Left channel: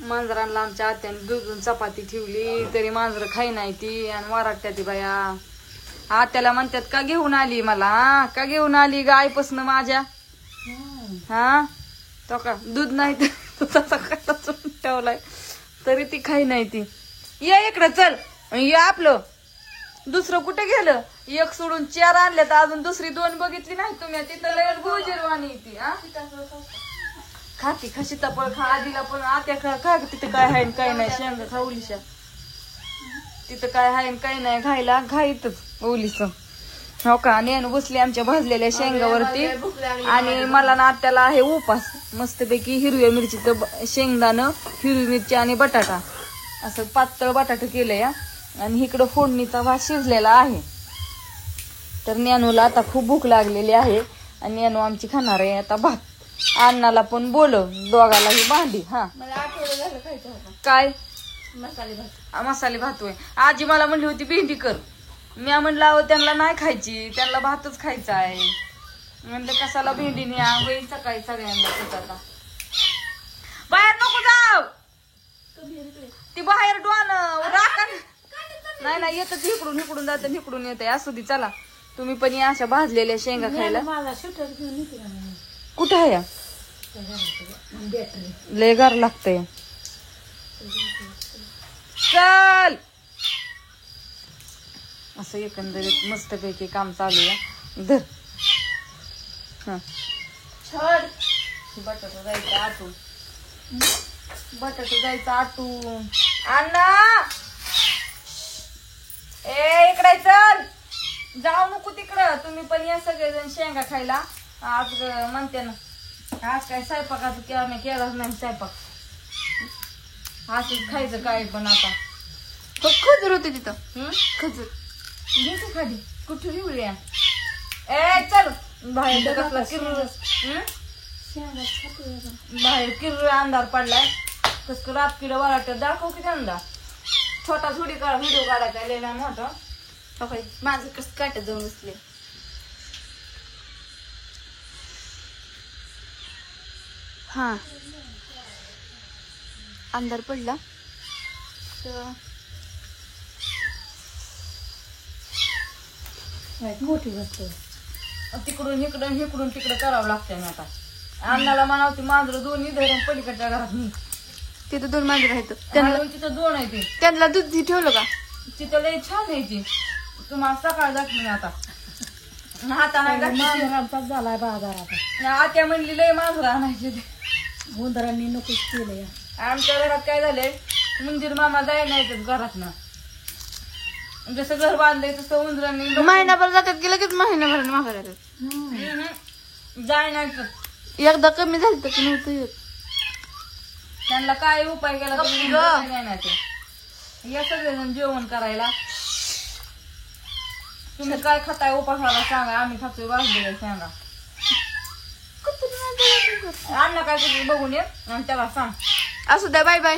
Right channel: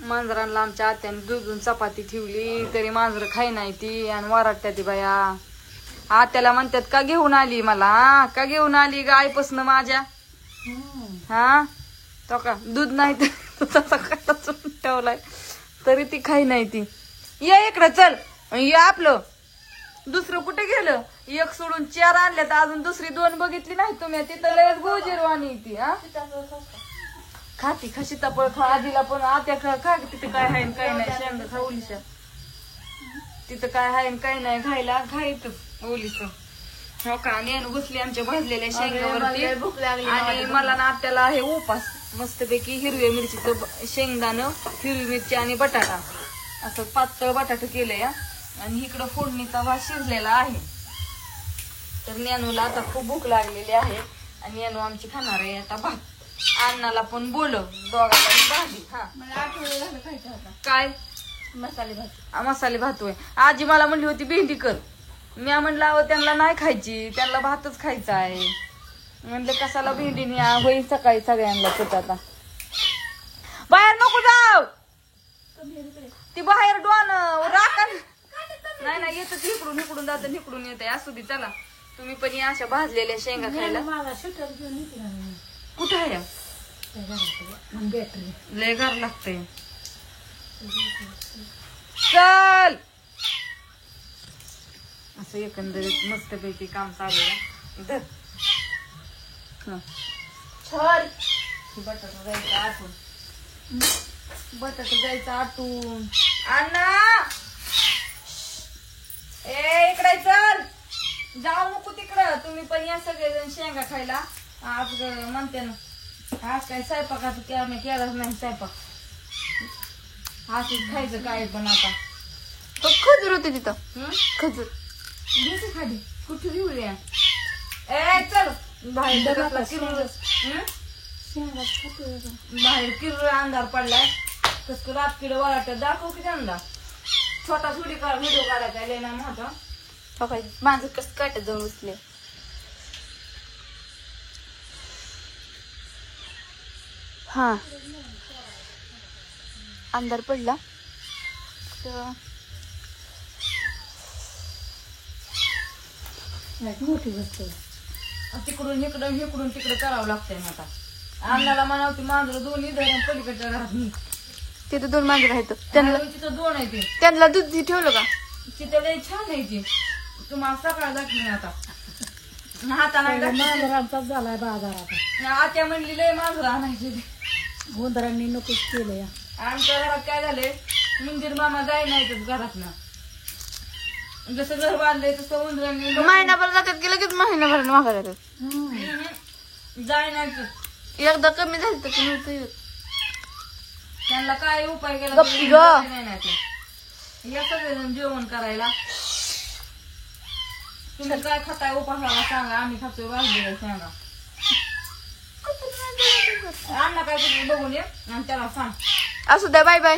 मांजरांना आमच्या आत्याने दुधून चपाती ठेवली तरी मांजर खाई नाही ती आणि वराटत्या ती बाया. आत्याला म्हणतात का घेऊन आली मला, का घेऊन आली ग आईपासून माझ्या. हा तो का दूध नाही तर ठेवलाय तरी ती खाई नाही ती. ये इकडं चल, ये आपलं दुसरं कुठे गेलं. एक सोडून 4 आणल्या तर अजून दुसरी 2 बघितली नाही तुम्ही. तिथं लय गोजरवाणी ती. हा खाती खा सीताफळ खा. आजीला पण आत्या खा तिथं काय आहे काय नाही. शेंगा खा उलिशा, तिथं काय आहे काय नाही खायला. खाईत ओलीच हो का. नेन बसली आमच्या भाजलेल्या शेंगावरती आणि मला ना आत्याला आहे उपास मस्तपैकी हिरव्या मिरचीचं शेंगदाणं, हिरवी मिरची आणि बटाटा असं पातळ बटाटा केलंय. आणि इकडं फोडणीचा भात शिजलेला आहे. तर ज्ञानूला आता खूप भूक लागलेली आहे आणि ज्ञानू आमची खाणार आहे आता भात. अण्णाला पण बोलव दोघालाही भांडी. हा काय मसाले भात होय. आजी मला म्हणली होती भेंडी कर. मी म्हणलं अहो त्यांना नाही खायची, त्यांना भातच खायचा आहे. म्हणलं कशाला भेंडी न्या होईल सकाळी सगळ्यांना कुठं. आता बाहेर नको जाव, ती बाहेर डोन राखण नाही नाही येत इकडून इकडून जात इकडून येते. असू दे चला तुम्ही पण या अशा भाजलेल्या शेंगा खायला. कुठं आहे लय गार लागतंय. चल असं एकंदरीत मस्तपैकी काम चालू आहे. धर छान बटाटा जायचं आटून, बटाटा जायचं आटून. अण्णा ए इकडे चल, जाऊ नको तिकडं. तुम्ही पण या सगळेजण शेंगा खायला. आज म्हणते ना आज काय स्वयंपाकाचं केलाच नाही स्वयंपाक. असंच खायचं काय पण. आता तो खजूर होते तिथं. खजूर घ्यायचं खाली कुठे घेऊया. ए चल बाहेर बाहेर किर अंधार पडलाय. कसं रात किड वाटत दाखव की त्यांना. छोटा थोडी व्हिडिओ काढायचा लिहिला नव्हतं. माझं कसं काटत जाऊन बसले. हा अंधार पडला तर मोठी गोष्ट. तिकडून इकडून इकडून तिकडं करावं लागतंय ना. आता अण्णाला म्हणावती मांजर दोन्ही धरण पलीकडच्या घरात मी. तिथं 2 मांजर आहेत. तिथं 2 आहे ते. त्यांना दूध ठेवलं का तिथं लय छान आहे ते. तुम्हाला सकाळ जाते ना आता हाताना झालाय बाजारात. आत्या म्हणली लय मांजर आणायचे ते गोंधरांनी नकोच केलंय. आमच्या घरात काय झालंय मंदिर मामा जाय नाही घरात ना. जसं घर बांधलंय तसं उंदरांनी महिनाभर जातात की लगेच महिनाभर मागा जातात. जाय नाही एकदा कमी झालं तर नव्हतं. त्यांना काय उपाय केला नाही या सगळेजण जेवण करायला. तुम्ही काय खाताय उपासाला सांगा. आम्ही खातोय वाजलेलं सांगा. अण्णा काय बघून ये आणि त्याला सांग. असू द्या बाय बाय.